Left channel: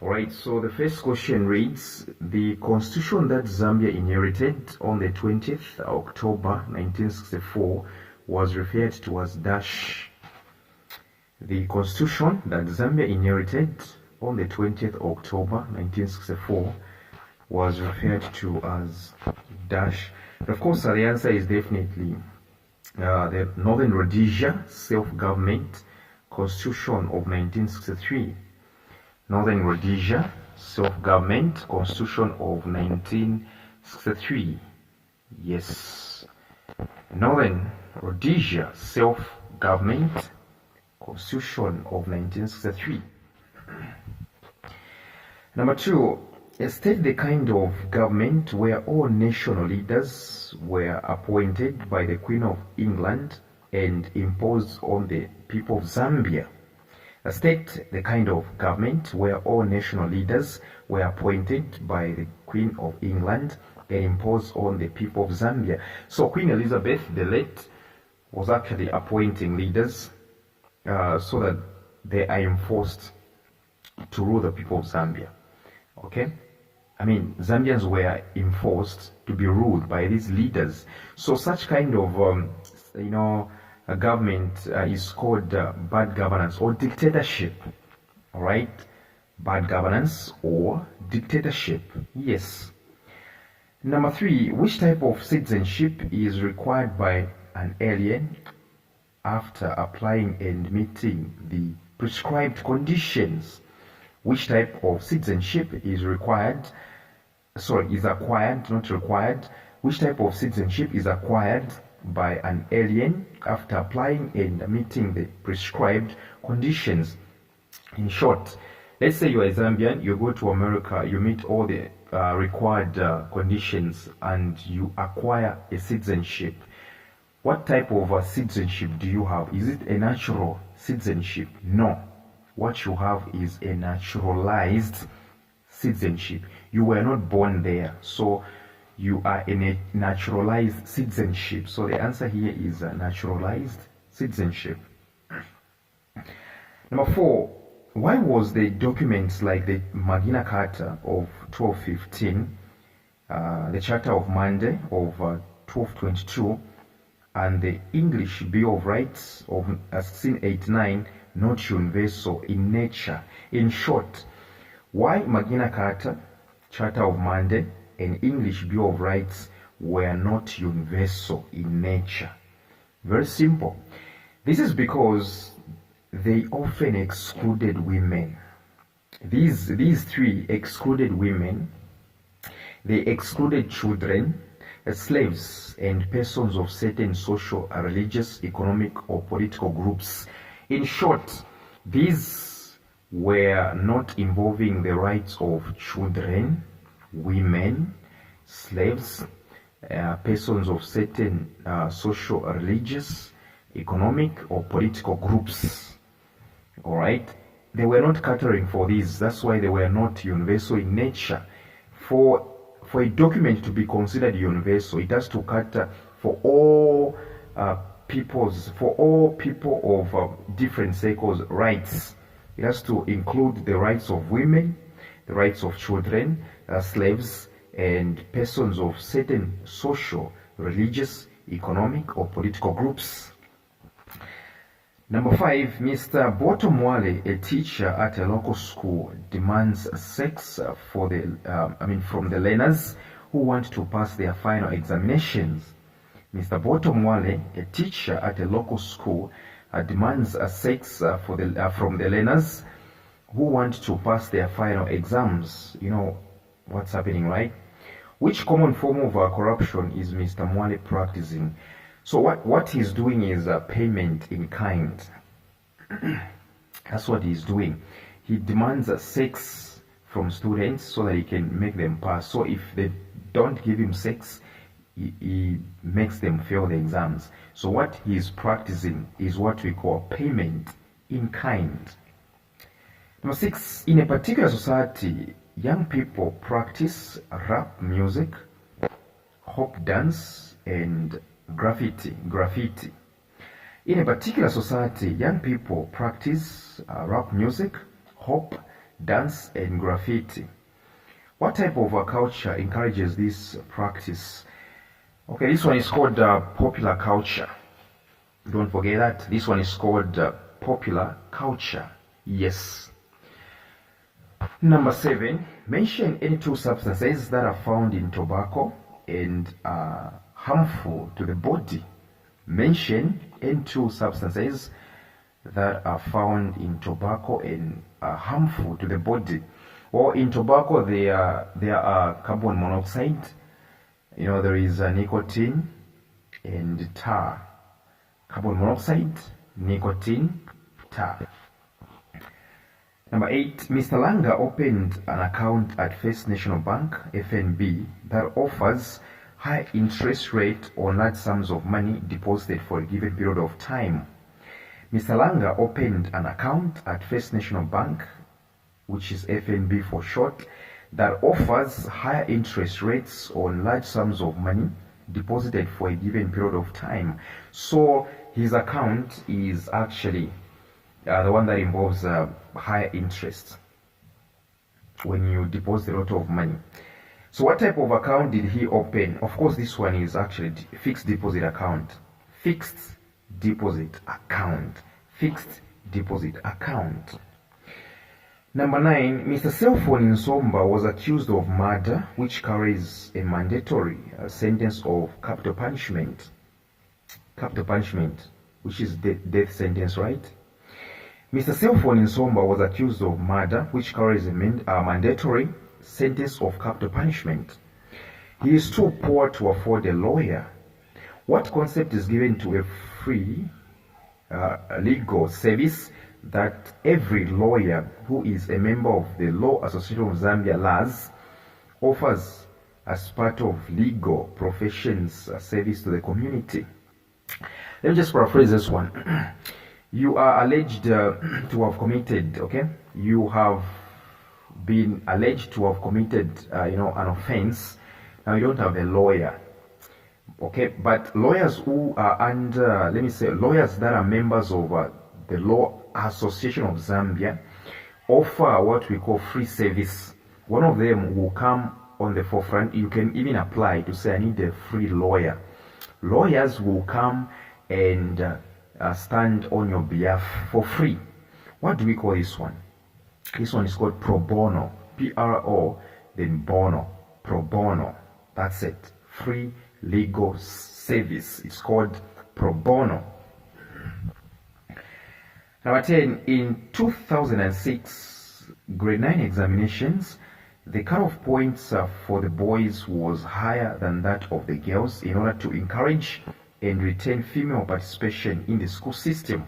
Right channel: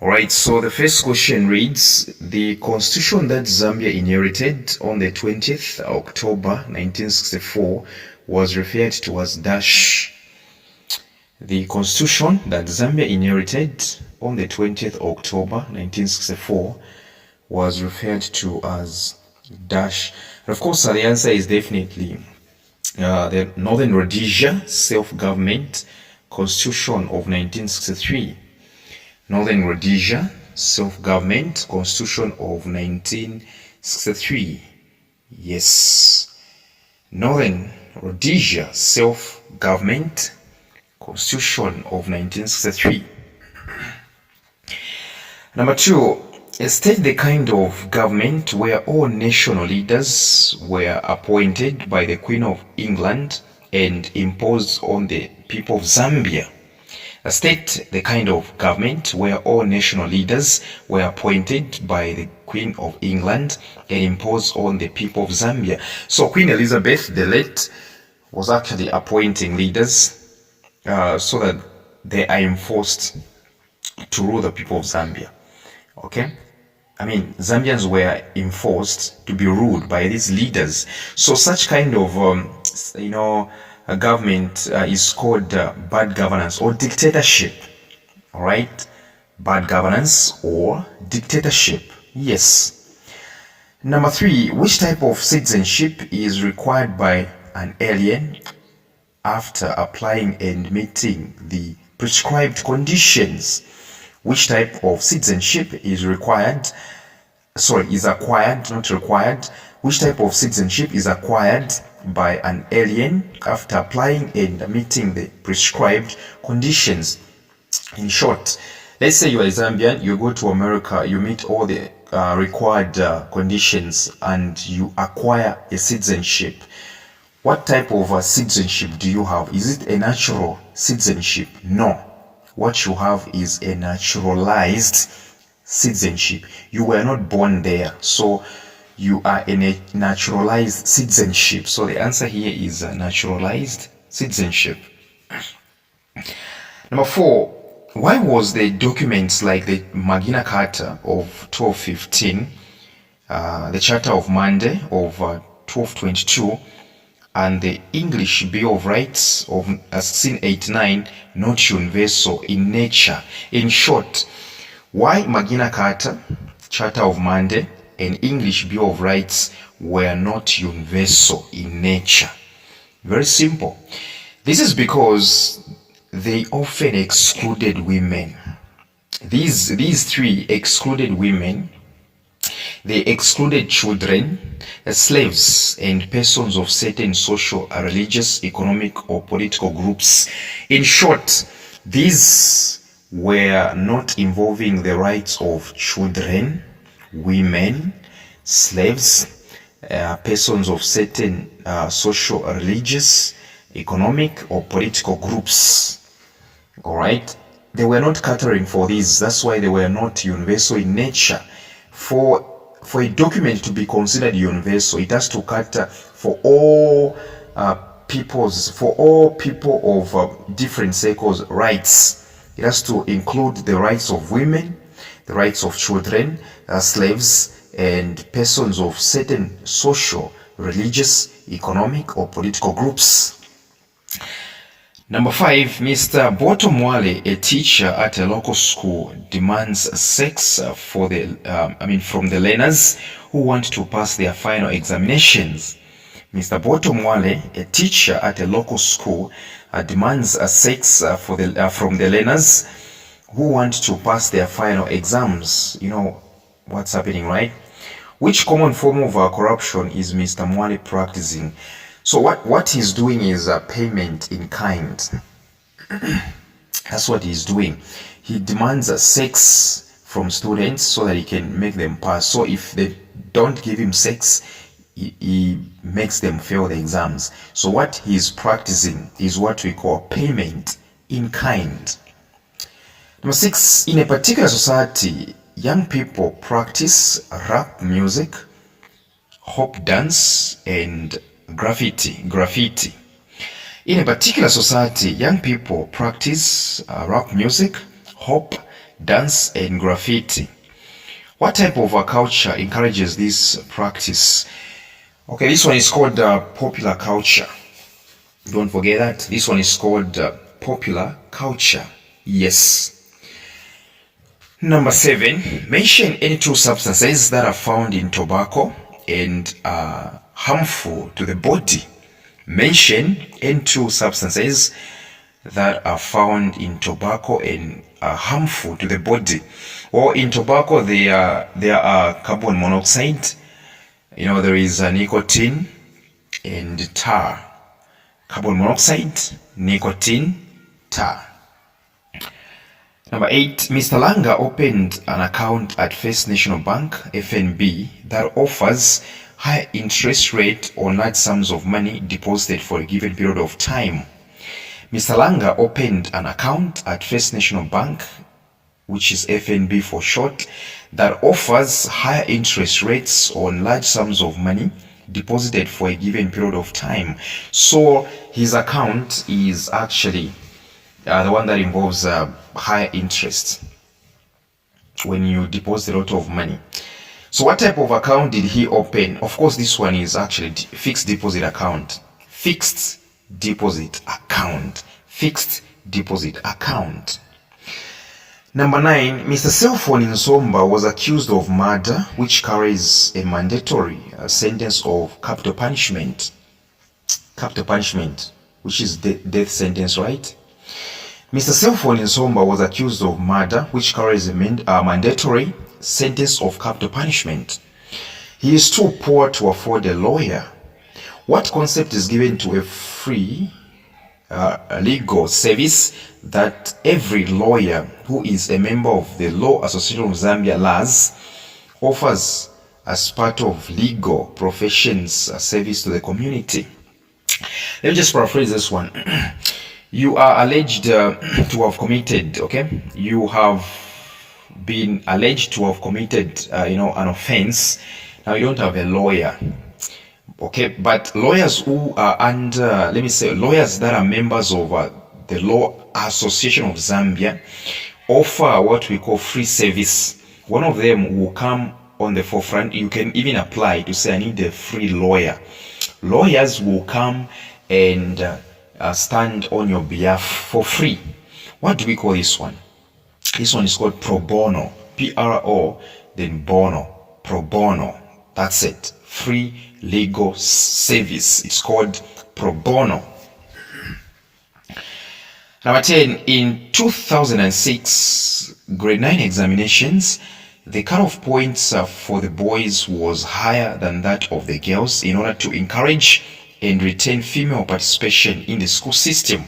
Alright, so the first question reads, the constitution that Zambia inherited on the 20th October 1964 was referred to as dash. The constitution that Zambia inherited on the 20th October 1964 was referred to as dash. And of course, the answer is definitely the Northern Rhodesia Self-Government Constitution of 1963. Northern Rhodesia Self-Government Constitution of 1963. Yes. Northern Rhodesia Self-Government Constitution of 1963. Number 2, state the kind of government where all national leaders were appointed by the Queen of England and imposed on the people of Zambia. State the kind of government where all national leaders were appointed by the Queen of England and imposed on the people of Zambia. So Queen Elizabeth the late was actually appointing leaders so that they are enforced to rule the people of Zambia. Okay? I mean, Zambians were enforced to be ruled by these leaders. So such kind of, a government is called bad governance or dictatorship. All right? Bad governance or dictatorship. Yes. Number 3, which type of citizenship is required by an alien after applying and meeting the prescribed conditions? Which type of citizenship is acquired, not required. Which type of citizenship is acquired by an alien after applying and meeting the prescribed conditions? In short, let's say you are a Zambian, you go to America, you meet all the required conditions and you acquire a citizenship. What type of citizenship do you have? Is it a natural citizenship? No. What you have is a naturalized citizenship. You were not born there, so you are in a naturalized citizenship. So the answer here is a naturalized citizenship. Number 4, why was the documents like the Magna Carta of 1215, the Charter of Mande of 1222, and the English Bill of Rights of 1689 not universal in nature? In short, why Magna Carta, Charter of Mande, and English Bill of Rights were not universal in nature? Very simple. This is because they often excluded women. These 3 excluded women. They excluded children, slaves, and persons of certain social, religious, economic, or political groups. In short, these were not involving the rights of children, women, slaves, persons of certain social, religious, economic, or political groups. All right? They were not catering for these. That's why they were not universal in nature. For a document to be considered universal, it has to cater for all people of different circles' rights. It has to include the rights of women, the rights of children, slaves, and persons of certain social, religious, economic, or political groups. Number 5, Mr. Botomwale, a teacher at a local school, demands sex from the learners who want to pass their final examinations. Mr. Botomwale, a teacher at a local school, demands sex from the learners who want to pass their final exams. You know what's happening, right? Which common form of corruption is Mr. Mwale practicing? So what he's doing is payment in kind. That's what he's doing. He demands sex from students so that he can make them pass. So if they don't give him sex, he makes them fail the exams. So what he's practicing is what we call payment in kind. Number 6, in a particular society, young people practice rap music, hop dance, and graffiti. In a particular society, young people practice rap music, hop dance, and graffiti. What type of a culture encourages this practice? Okay, this one is called popular culture. Don't forget that. This one is called popular culture. Yes. Number 7, mention any two substances that are found in tobacco and are harmful to the body. Mention any two substances that are found in tobacco and are harmful to the body. Well, in tobacco, there are carbon monoxide. There is nicotine and tar. Carbon monoxide, nicotine, tar. Number 8, Mr. Langa opened an account at First National Bank, FNB, that offers high interest rate on large sums of money deposited for a given period of time. Mr. Langa opened an account at First National Bank, which is FNB for short, that offers higher interest rates on large sums of money deposited for a given period of time. So his account is actually the one that involves higher interest when you deposit a lot of money. So what type of account did he open? Of course, this one is actually fixed deposit account. Fixed deposit account. Fixed deposit account. Number 9, Mr. Cellphone Nsomba was accused of murder, which carries a mandatory sentence of capital punishment. Capital punishment, which is death sentence, right? Mr. Cellphone Nsomba was accused of murder, which carries a mandatory sentence of capital punishment. He is too poor to afford a lawyer. What concept is given to a free legal service that every lawyer who is a member of the Law Association of Zambia (LAZ) offers as part of legal professions service to the community? Let me just paraphrase this one. You are alleged to have committed, okay? You have been alleged to have committed, an offense. Now you don't have a lawyer, okay? But lawyers who are under, let me say, lawyers that are members of the Law Association of Zambia offer what we call free service. One of them will come on the forefront. You can even apply to say, I need a free lawyer. Lawyers will come and stand on your behalf for free. What do we call this one? This one is called pro bono. P-R-O, then bono. Pro bono. That's it. Free legal service. It's called pro bono. Number 10, in 2006 grade 9 examinations, the cutoff points for the boys was higher than that of the girls in order to encourage and retain female participation in the school system.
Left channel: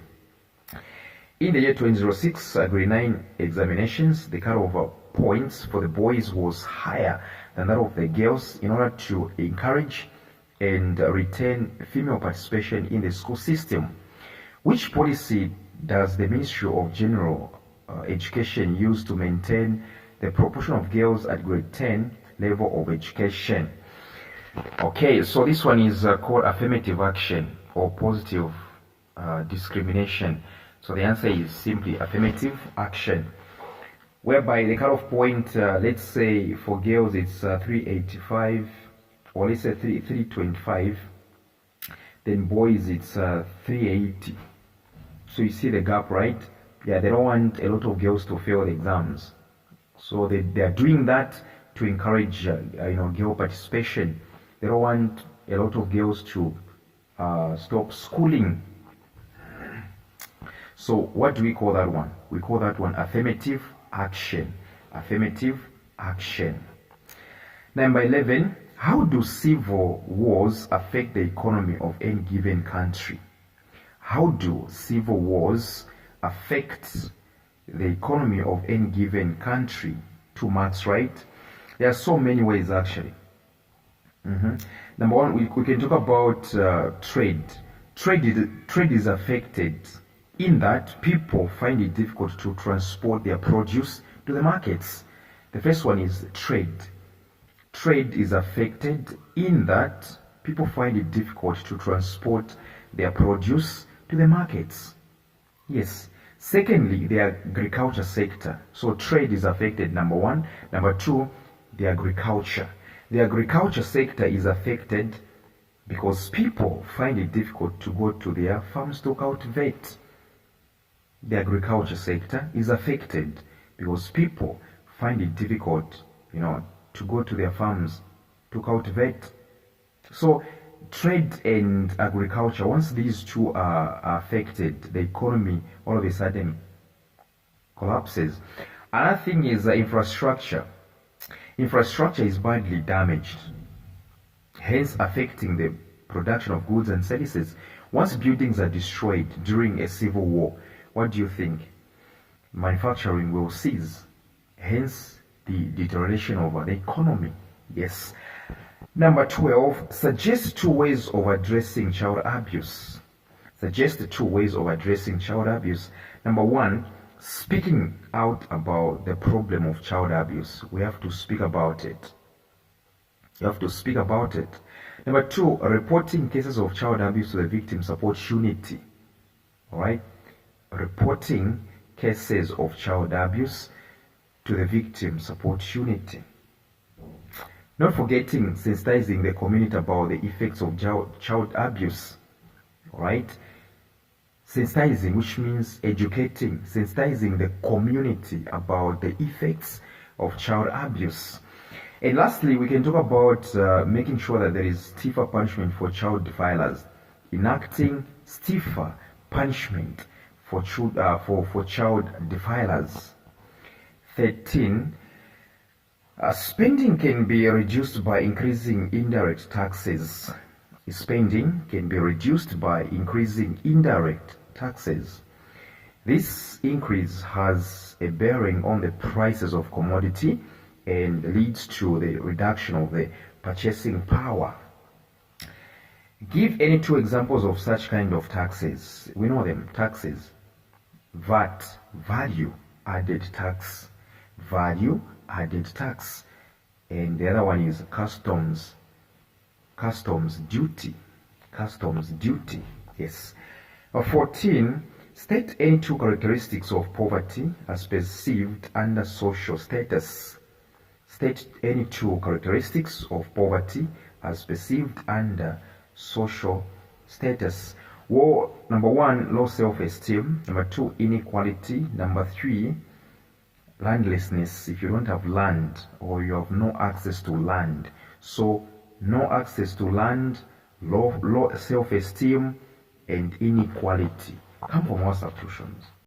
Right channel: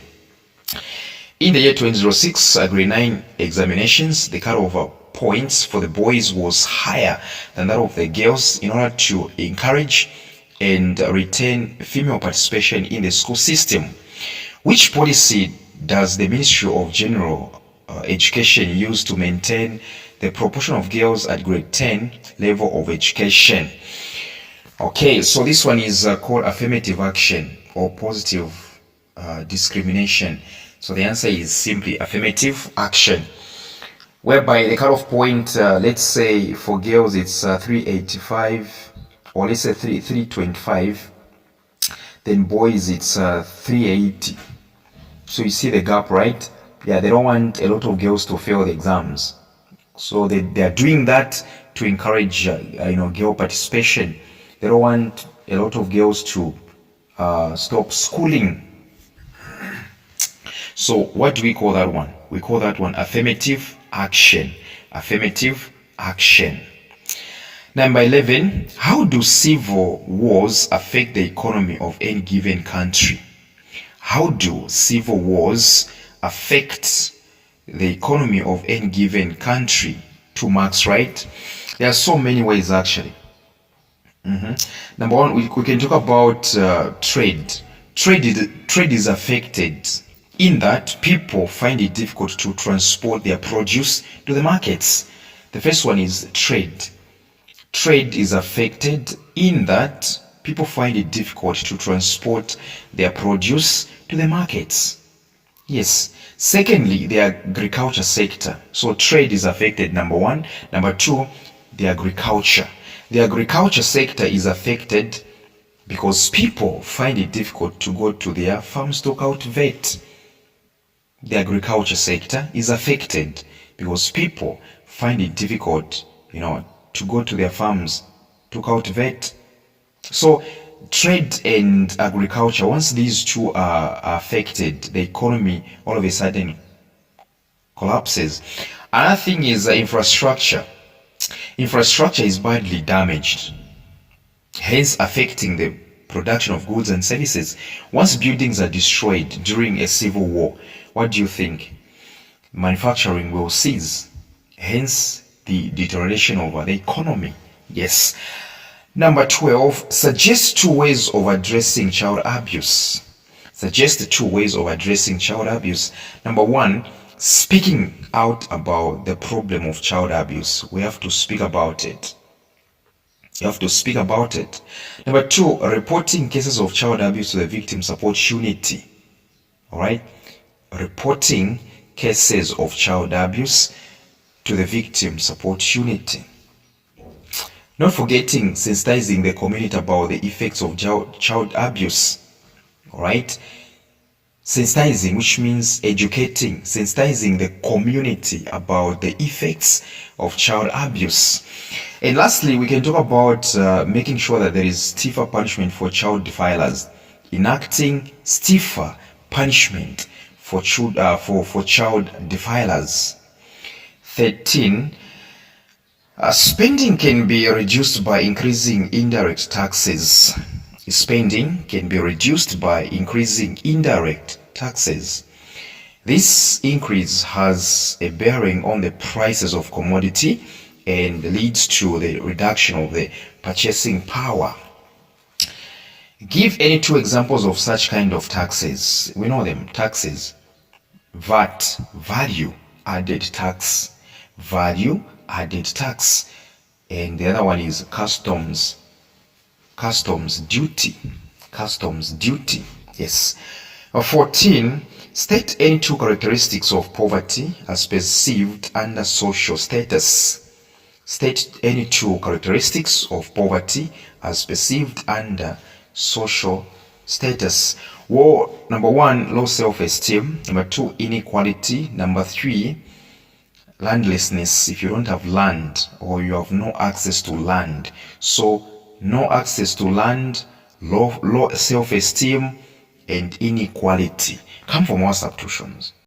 In the year 2006 grade 9 examinations, the cutoff points for the boys was higher than that of the girls in order to encourage and retain female participation in the school system. Which policy does the Ministry of General Education use to maintain the proportion of girls at grade 10 level of education? Okay, so this one is called affirmative action or positive discrimination. So the answer is simply affirmative action, whereby the cutoff point, let's say for girls it's 385, or let's say 325, then boys it's 380. So you see the gap, right? Yeah, they don't want a lot of girls to fail the exams. So they are doing that to encourage girl participation. They don't want a lot of girls to stop schooling. So what do we call that one? We call that one affirmative action. Affirmative action. Number 11, how do civil wars affect the economy of any given country? How do civil wars affect the economy of any given country? 2 marks, right? There are so many ways actually. Number 1, we can talk about trade. Trade is affected in that people find it difficult to transport their produce to the markets. The first one is trade. Trade is affected in that people find it difficult to transport their produce to the markets. Yes. Secondly, the agriculture sector. So trade is affected, number one. Number two, the agriculture. The agriculture sector is affected because people find it difficult to go to their farms to cultivate. The agriculture sector is affected because people find it difficult, to go to their farms to cultivate. So trade and agriculture, once these two are affected, the economy all of a sudden collapses. Another thing is infrastructure. Infrastructure is badly damaged, hence affecting the production of goods and services. Once buildings are destroyed during a civil war, what do you think? Manufacturing will cease, hence the deterioration of the economy. Yes. Number 12, suggest two ways of addressing child abuse. Suggest two ways of addressing child abuse. Number one, speaking out about the problem of child abuse. We have to speak about it. You have to speak about it. Number two, reporting cases of child abuse to the victim support unity. All right? Reporting cases of child abuse to the victim support unity. Not forgetting sensitizing the community about the effects of child abuse. All right? Sensitizing, which means educating, sensitizing the community about the effects of child abuse. And lastly, we can talk about making sure that there is stiffer punishment for child defilers. Enacting stiffer punishment for child defilers. 13. Spending can be reduced by increasing indirect taxes. Spending can be reduced by increasing indirect taxes. This increase has a bearing on the prices of commodity and leads to the reduction of the purchasing power. Give any two examples of such kind of taxes. We know them. Taxes. VAT, value added tax. Value added tax. And the other one is customs duty. Customs duty. Yes. 14. State any two characteristics of poverty as perceived under social status. State any two characteristics of poverty as perceived under social status. Well, number one, low self-esteem. Number two, inequality. Number three, landlessness. If you don't have land or you have no access to land. So no access to land, low self-esteem, and inequality come from our substitutions.